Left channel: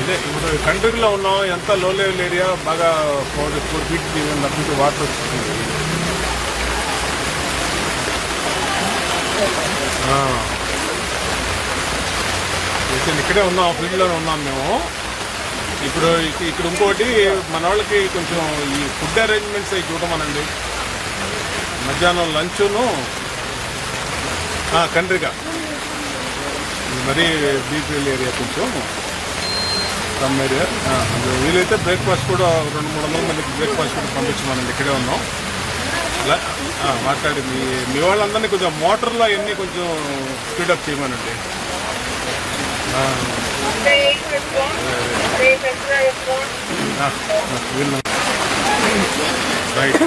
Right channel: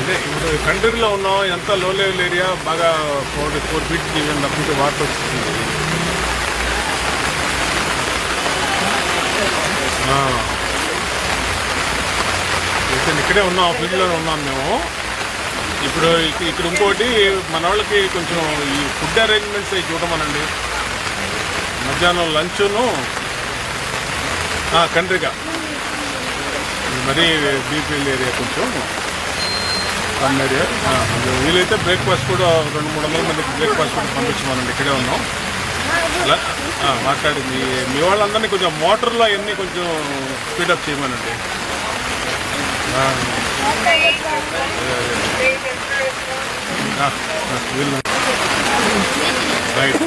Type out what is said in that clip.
ఇదే ఇప్పుడు కంట్రీలో ఉన్నాం, ఎంత లో లెవెల్ ఏరియా, బాగా 4 feet తప్పితే వాటర్ వస్తుంది. ఇక్కడే ఉన్నాం, ఫీల్డ్ లోనే ఉన్నాం మేము. ఇప్పుడు ఇక్కడ ఇంకోటి మన వాళ్ళకి కొంచెం ఈ ఫుడ్ అరేంజ్మెంట్స్ అవి చూడమనండి. మధ్యాహ్నం లంచ్ను కంట్రీగా మరీ బీపీఎల్ ఏరియా కొంచెం సమ్ ఏరియా. వీలైతే బ్రేక్ఫాస్ట్ కూడా 200-300 మందికి బ్రేక్ఫాస్ట్ కూడా పంపించమనండి. ఇక్కడే ఉన్నాం. అలా మాట్లాడి మీ వాళ్ళందరినీ కొంచెం మోటార్లో అవన్నీ కొంచెం స్పీడప్ చేయమనండి. రైట్.